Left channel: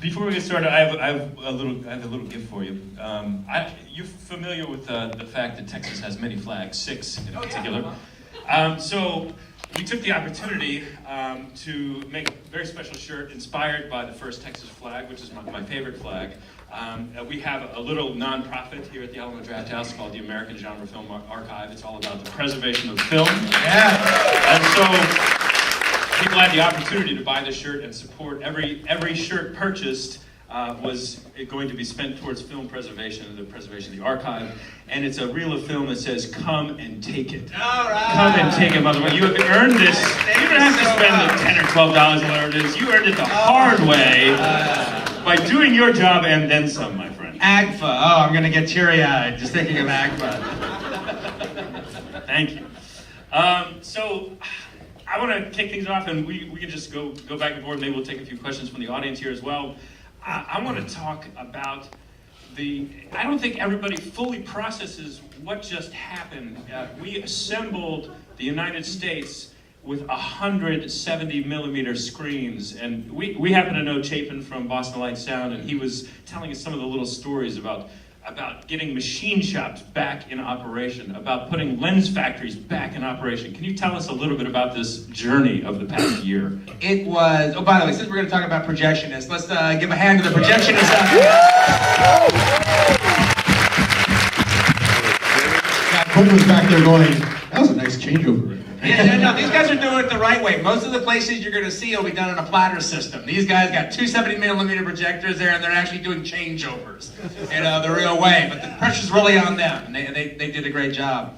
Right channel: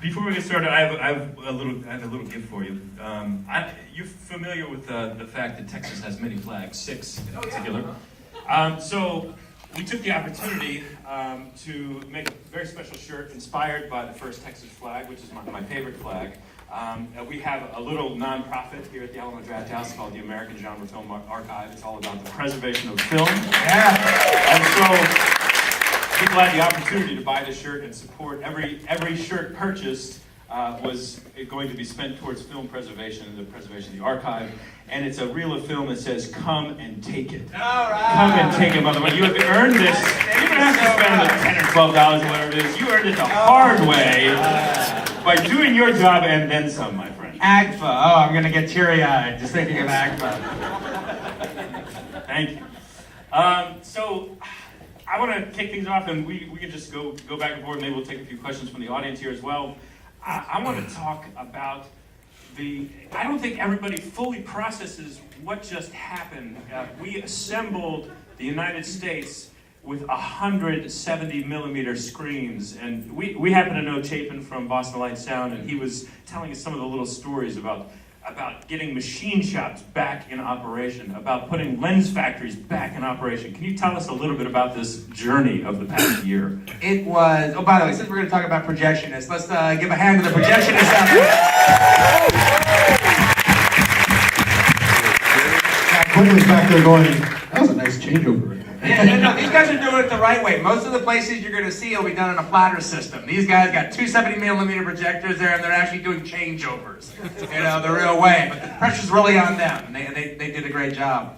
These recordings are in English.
Before we get started, I have a little gift for you. You're familiar with the fact that Texas has many flags, 6 in particular. So we took the opportunity to make a very special shirt inspired by the first Texas flag, which is my favorite flag. We have a little nonprofit here at the Alamo Drafthouse called the American Genre Film Archive. It's all about the preservation of film. Yeah. And so people had the opportunity to buy this shirt and support. Every shirt purchased was going to be spent towards film preservation, the preservation of the archive. And it's a reel of film that says, "Come and take it." All right. Come and take it, motherfucker. You have earned this. You don't have to spend the $10 or $12 or whatever it is. You earned it the hard way by doing your job and then some, my friend. AGFA. Oh, I'm gonna get teary-eyed just thinking of AGFA. Thank you. So I want to kick things off, and we can just go back and forth. Maybe we'll take a few questions from the audience here as well. I want to talk about I don't think everybody fully processes what just happened. We assembled the United States with 170 millimeter screens, and we happen to know Chapin from Boston Light Sound, and he was telling us some of the little stories about getting machine shops back in operation, about putting lens factories back in operation. Can you tell us a little bit about this journey of the past year? It was, oh, by the way, since we're going to talk about projectionists, let's give a hand to the projectionists out there. Quentin was back there going, that was a nice changeover. No, these guys are doing it the right way. Most of the places you're going to see will be done in a platter system. These guys got 270 millimeter projectors there, and they're actually doing changeovers, the real way. But the pressure's really on them, and they did a great job.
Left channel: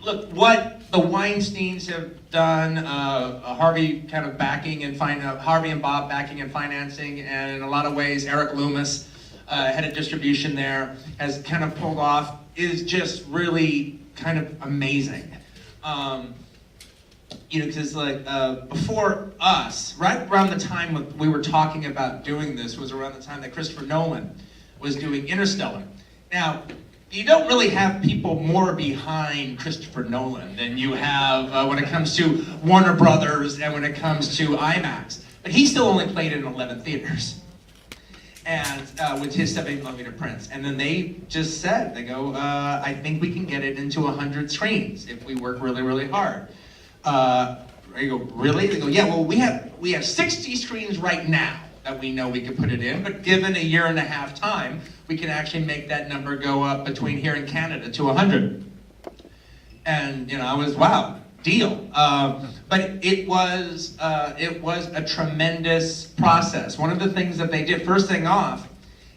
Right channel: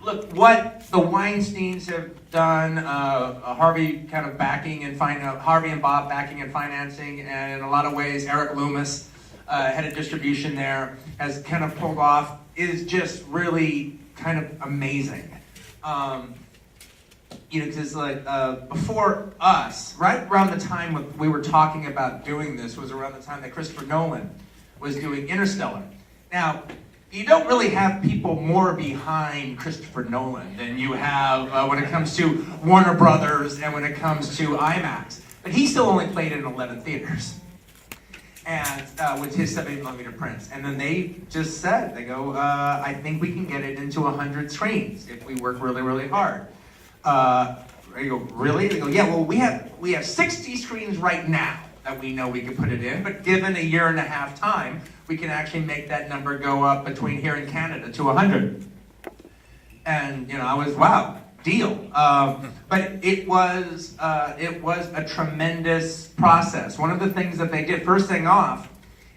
Look, what the Weinsteins have done, Harvey kind of backing and Harvey and Bob backing and financing, and in a lot of ways, Eric Loomis, head of distribution there, has kind of pulled off, is just really kind of amazing. Because before us, right around the time we were talking about doing this was around the time that Christopher Nolan was doing Interstellar. Now, you don't really have people more behind Christopher Nolan than you have when it comes to Warner Brothers and when it comes to IMAX. But he still only played in 11 theaters. And with his 70 millimeter prints. And then they just said, they go, I think we can get it into 100 screens if we work really, really hard. I go, really? They go, yeah, well, we have 60 screens right now that we know we can put it in, but given a year and a half time, we can actually make that number go up between here and Canada to 100. And, I was, wow, deal. But it was a tremendous process. One of the things that they did, first thing off,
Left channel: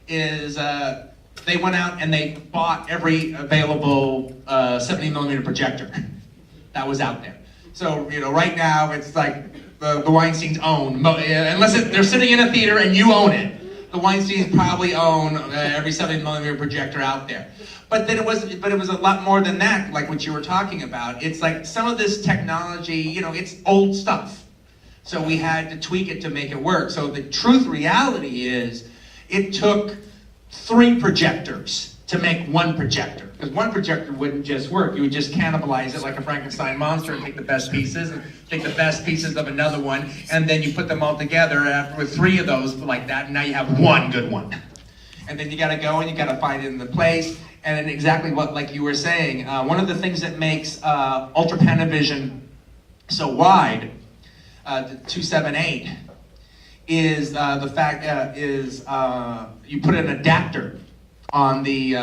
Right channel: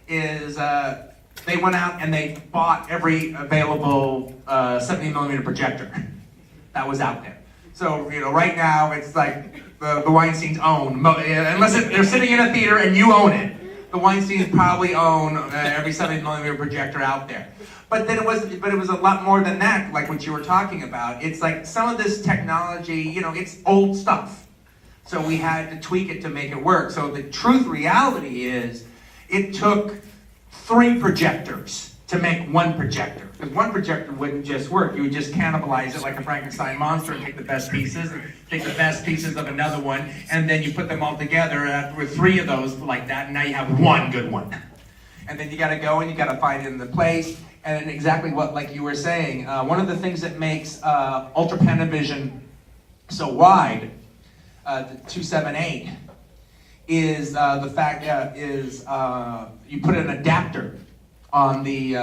is they went out and they bought every available 70 millimeter projector that was out there. So, right now it's like the Weinsteins own, unless they're sitting in a theater and you own it, the Weinsteins probably own every 70 millimeter projector out there. But it was a lot more than that, like what you were talking about. It's like some of this technology, it's old stuff. So we had to tweak it to make it work. So the reality is, it took 3 projectors to make 1 projector. Because 1 projector wouldn't just work. You would just cannibalize it like a Frankenstein monster and take the best pieces and take the best pieces of another one, and then you put them all together with 3 of those like that, and now you have 1 good one. And then you gotta go and you gotta find it in the place. And then exactly what, like you were saying, one of the things that makes Ultra Panavision so wide, the 278, is the fact you put an adapter on the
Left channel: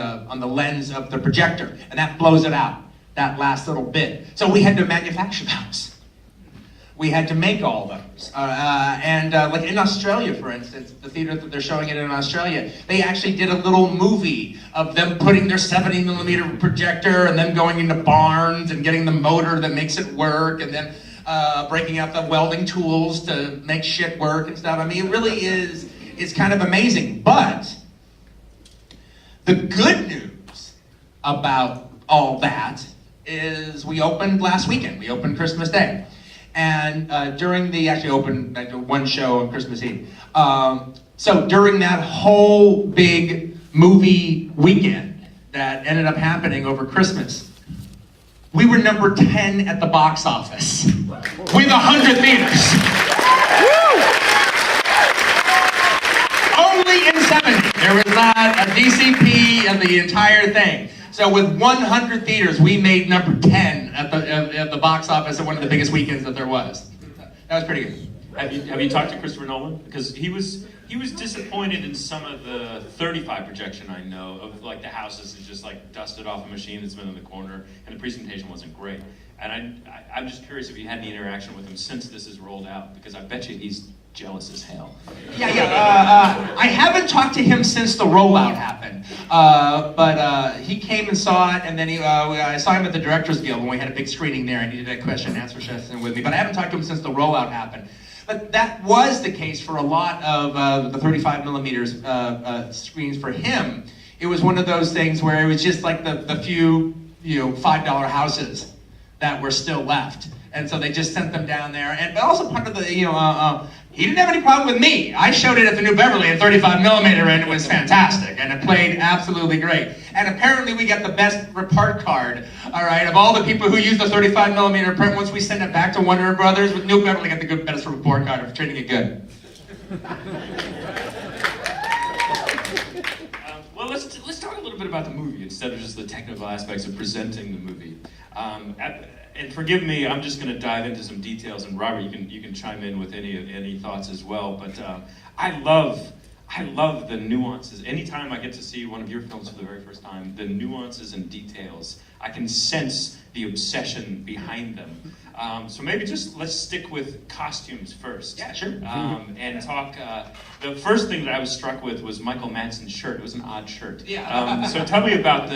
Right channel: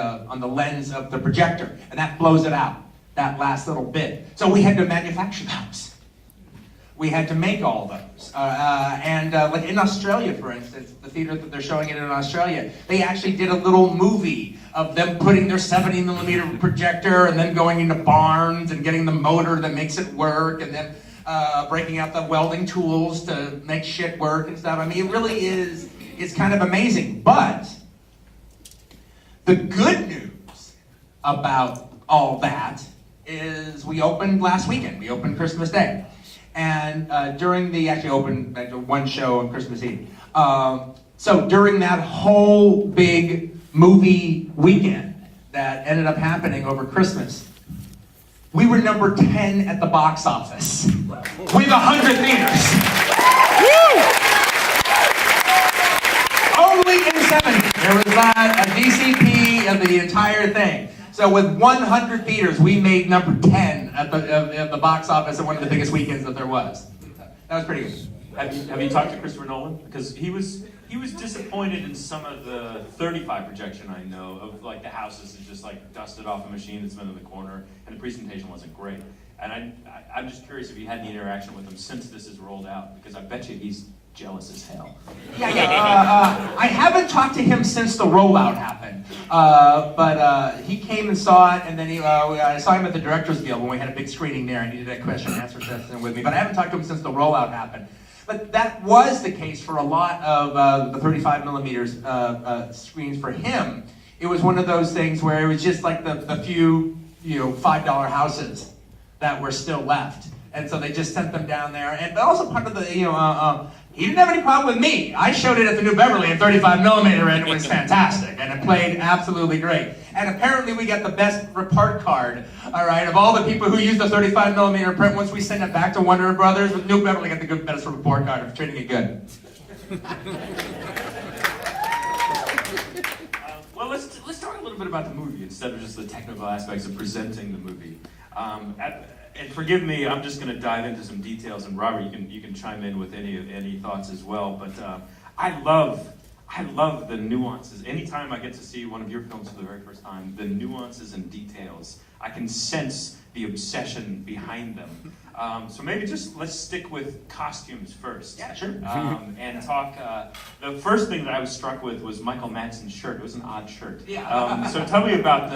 lens of the projector, and that blows it out, that last little bit. So we had to manufacture those. We had to make all those. Like in Australia, for instance, the theater that they're showing it in Australia, they actually did a little movie of them putting their 70 millimeter projector and then going into barns and getting the motor that makes it work, and then breaking out the welding tools to make shit work and stuff. I mean, it really is, it's kind of amazing. But the good news about all that is we opened last weekend. We opened Christmas Day. And actually opened like 1 show on Christmas Eve. So during that whole big movie weekend that ended up happening over Christmas, we were number 10 at the box office with 100 theaters. only in 70. There was not a DCP in the entire thing. So with 100 theaters, we made number 10 at the box office at one of the biggest weekends that there was. That was pretty good. Have you talked to Christopher Nolan? Because he was disappointed in some of the 35 projection I know of, like the houses is just like dusted off a machine that's been in the corner, and the presentation wasn't great. And I'm just curious if you had any interaction with him since this is rolled out, because I bet you he's jealous as hell. Yeah. I haven't talked to him since the rollout happened, but he came and saw it, and then I saw him at the Directors Guild when we had a big screening there, and he did that question and answer session with me. But I haven't talked to him since the rollout happened. But that was the case for a lot of the 35 millimeters screens for him. It was one of those things where it was just like the few $5 houses that were still left. And so they just sent them down there. But also part of the, he didn't have any problem with me. I showed it at the New Beverly in 35 millimeter, and it was fantastic. And it played absolutely great. And apparently we got the best report card, all right, of all the people who used the 35 millimeter print. Once we sent it back to Warner Brothers, New Beverly got the best report card of treating it good. Well, let's talk a little bit about the movie instead of just the technical aspects of presenting the movie. And forgive me, I'm just going to dive into some details, and Robert, you can chime in with any thoughts as well. But I love the nuances. Anytime I get to see one of your films for the very first time, the nuances and details, I can sense the obsession behind them. So maybe just let's stick with costumes first. Yeah, sure. And talk. The first thing that I was struck with was Michael Madsen's shirt. It was an odd shirt. Yeah. So tell me about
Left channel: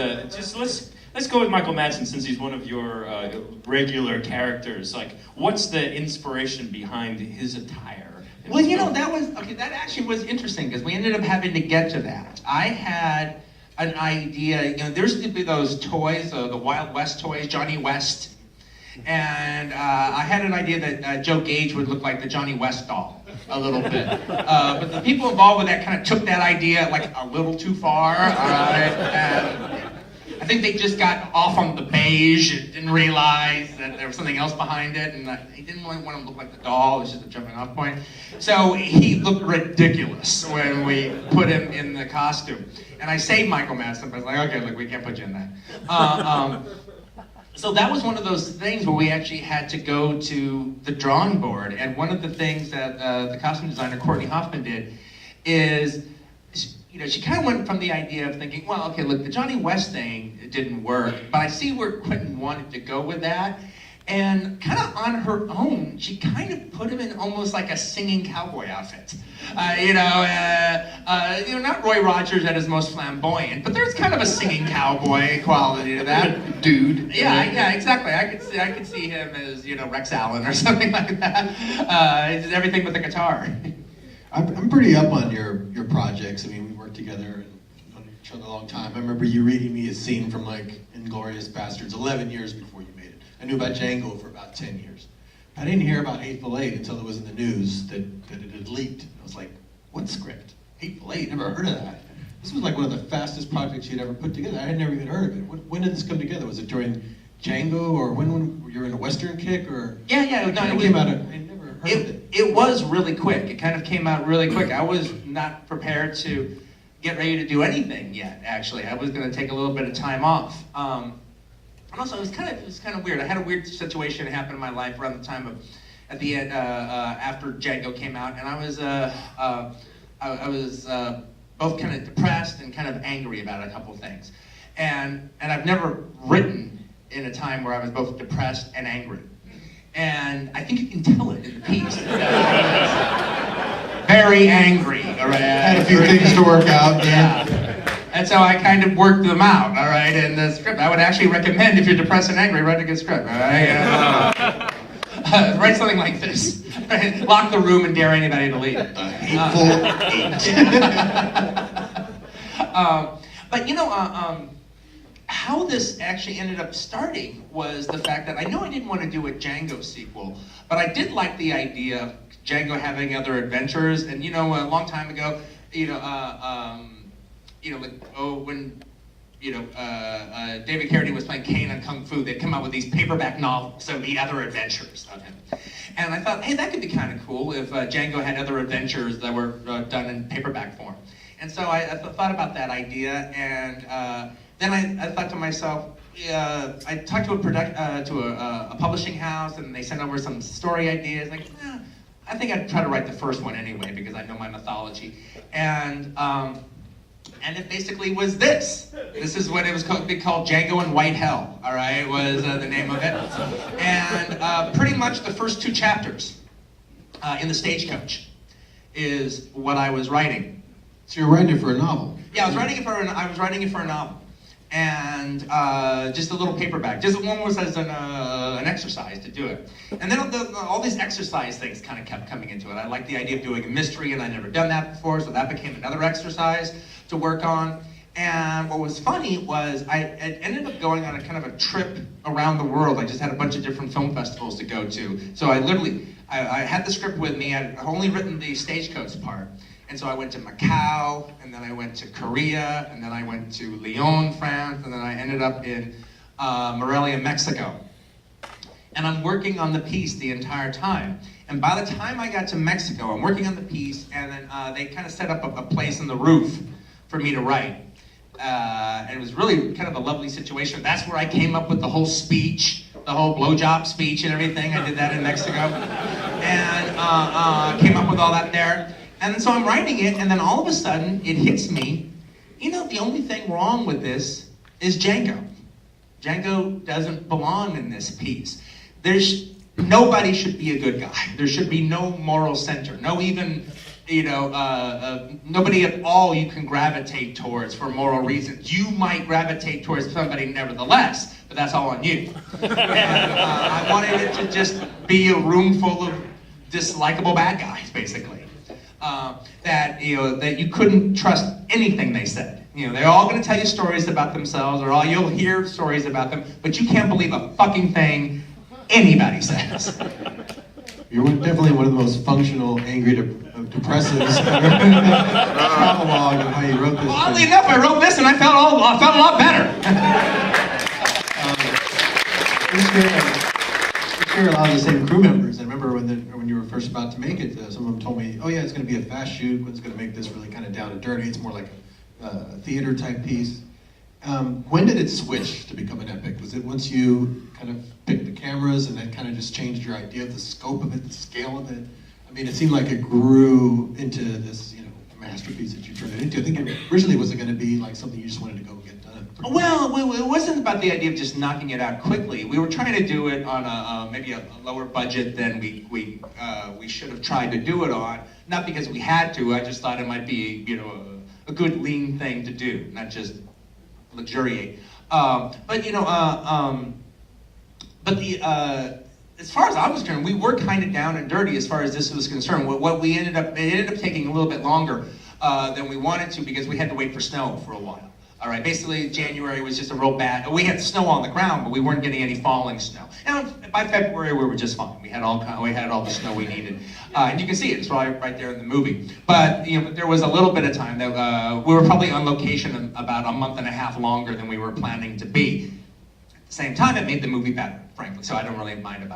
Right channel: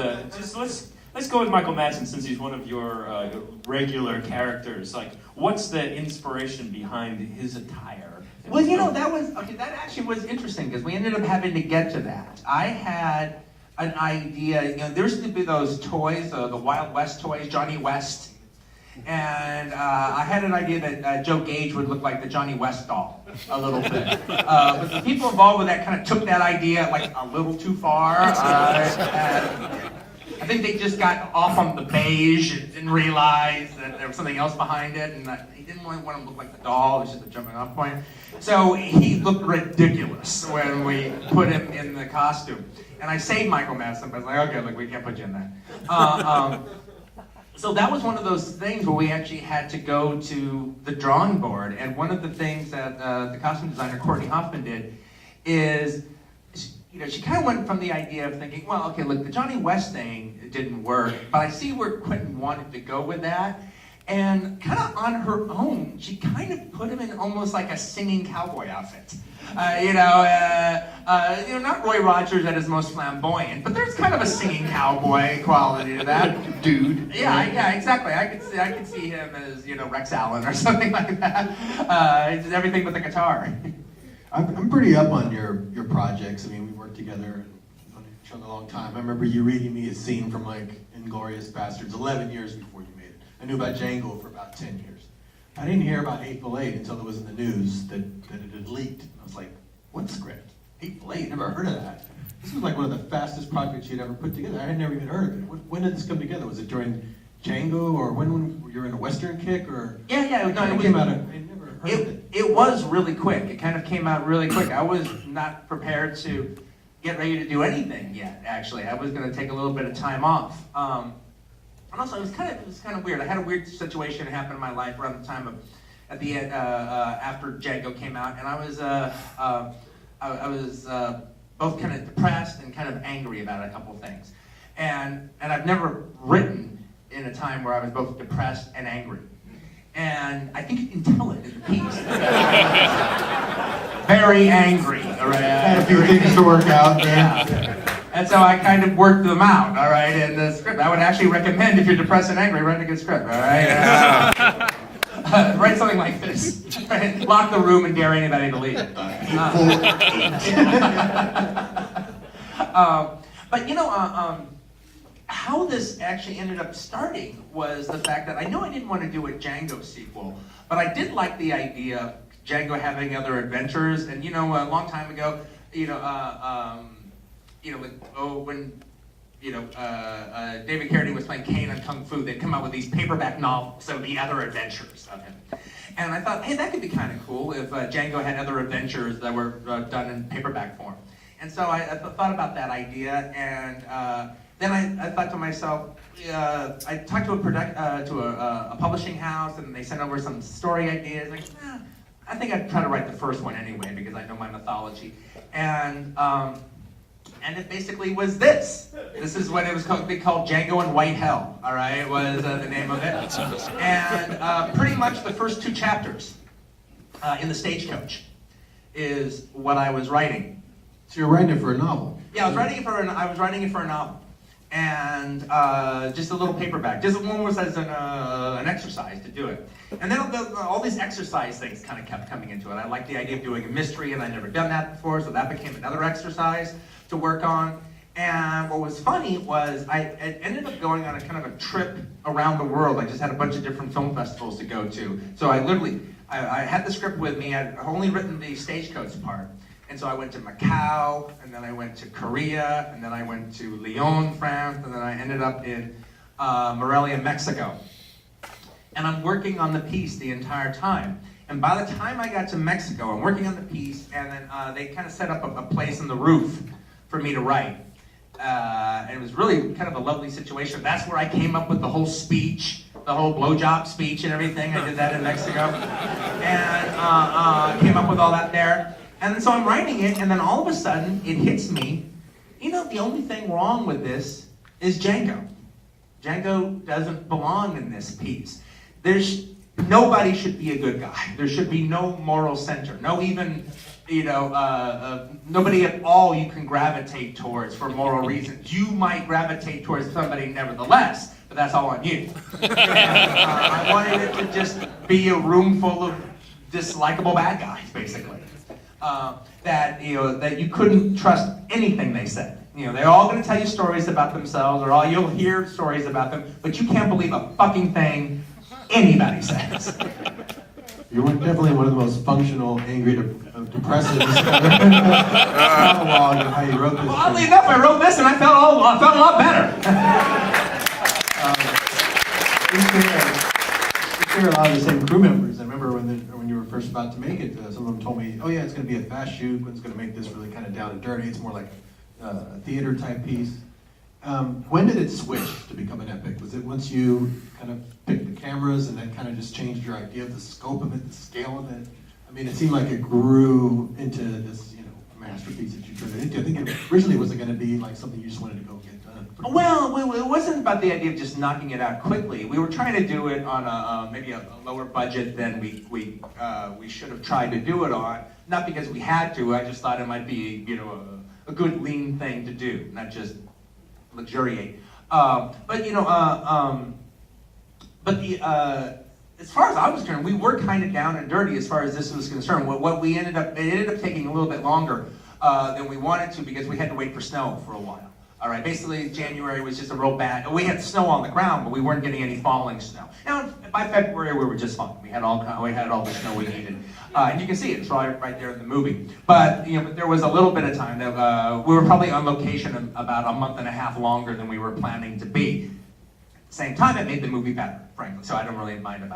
let's go with Michael Madsen, since he's one of your regular characters. Like, what's the inspiration behind his attire? Well, that actually was interesting, because we ended up having to get to that. I had an idea, there used to be those toys, the Wild West toys, Johnny West. And I had an idea that Joe Gage would look like the Johnny West doll a little bit. But the people involved with that kind of took that idea like a little too far. And I think they just got off on the beige and didn't realize that there was something else behind it, and he didn't really want him to look like the doll. It was just a jumping off point. So he looked ridiculous when we put him in the costume. And I saved Michael Madsen, but I was like, okay, look, we can't put you in that. So that was one of those things where we actually had to go to the drawing board. And one of the things that the costume designer, Courtney Hoffman, did is, she kind of went from the idea of thinking, well, okay, look, the Johnny West thing, it didn't work, but I see where Quentin wanted to go with that. And kind of on her own, she kind of put him in almost like a singing cowboy outfit. Not Roy Rogers at his most flamboyant, but there's kind of a singing cowboy quality to that dude. Yeah, exactly. I could see him as, Rex Allen or something like that. It's everything with the guitar. I'm pretty up on your projects. I mean, we worked together and known each other a long time. I remember you reading me a scene from like Inglourious Bastards 11 years before you made it. I knew about Django for about 10 years. I didn't hear about Hateful Eight until it was in the news that it had leaked. I was like, what script? Hateful Eight? Never heard of that. This was like one of the fastest projects you'd ever put together. I had never even heard of it. When did this come together? Was it during Django, or when you were in a Western kick, or? Yeah. No, it came out of. I never heard of it. It was really quick. It kind of came out really quick. I was not prepared to get ready to do anything yet. Actually, I was going to take a little bit of time off. And also, it was kind of weird. I had a weird situation happen in my life around the time of, at the end, after Django came out, and I was both kind of depressed and kind of angry about a couple of things, and I've never written in a time where I was both depressed and angry, and I think you can tell it in the piece. Very angry. All right? Had a few things to work out. Yeah. And so I kind of worked them out, all right, in the script. I would actually recommend, if you're depressed and angry, write a good script, all right? Write something like this. Lock the room and dare anybody to leave. But how this actually ended up starting was the fact that I know I didn't want to do a Django sequel, but I did like the idea of Django having other adventures. And a long time ago, when David Carradine was playing Kane on Kung Fu, they'd come out with these paperback novels, so the other adventures of him. And I thought, hey, that could be kind of cool if Django had other adventures that were done in paperback form. And so I thought about that idea, and then I thought to myself, I talked to a publishing house, and they sent over some story ideas. Like, I think I'd try to write the first one anyway because I know my mythology, and it basically was this. This is what it was called Django and White Hell. All right, was the name of it, and pretty much the first 2 chapters in the Stagecoach is what I was writing. So you're writing it for a novel? Yeah, I was writing it for a novel, and just a little paperback. Just one was as an exercise to do it, and then all these exercise things kind of kept coming into it. I liked the idea of doing a mystery, and I'd never done that before, so that became another exercise to work on. And what was funny was I ended up going on a kind of a trip around the world. I just had a bunch of different film festivals to go to. So I had the script with me. I'd only written the Stagecoach part. And so I went to Macau, and then I went to Korea, and then I went to Lyon, France, and then I ended up in Morelia, Mexico. And I'm working on the piece the entire time. And by the time I got to Mexico, I'm working on the piece, and then they kind of set up a place in the roof for me to write. And it was really kind of a lovely situation. That's where I came up with the whole speech, the whole blowjob speech and everything. I did that in Mexico. And came up with all that there. And so I'm writing it, and then all of a sudden, it hits me, the only thing wrong with this is Django. Django doesn't belong in this piece. Nobody should be a good guy. There should be no moral center, no even, nobody at all you can gravitate towards for moral reasons. You might gravitate towards somebody nevertheless, but that's all on you. And I wanted it to just be a room full of dislikable bad guys, basically. That you couldn't trust anything they said. They're all going to tell you stories about themselves, or you'll hear stories about them, but you can't believe a fucking thing anybody says. You're definitely one of the most functional, angry, depressive monologue of how you wrote this. Well, oddly enough, I wrote this and I felt a lot better. We share a lot of the same crew members. I remember when you were first about to make it, some of them told me, "Oh yeah, it's going to be a fast shoot. It's going to make this really kind of down and dirty. It's more like a theater type piece." When did it switch to become an epic? Was it once you kind of picked the cameras and that kind of just changed your idea of the scope of it, the scale of it? I mean, it seemed like it grew into this, masterpiece that you turned it into. I think it originally was going to be like something you just wanted to go get done. Well, it wasn't about the idea of just knocking it out quickly. We were trying to do it on maybe a lower budget than we should have tried to do it on. Not because we had to. I just thought it might be a good lean thing to do, not just luxuriate. As far as I was concerned, we were kind of down and dirty as far as this was concerned. It ended up taking a little bit longer than we wanted to because we had to wait for snow for a while. All right, basically January was just a real bad. We had snow on the ground, but we weren't getting any falling snow. Now by February we were just fine. We had all the snow we needed, and you can see it. It's right there in the movie. But but there was a little bit of time that we were probably on location about a month and a half longer than we were planning to be. At the same time, it made the movie better, frankly. So I don't really mind about it.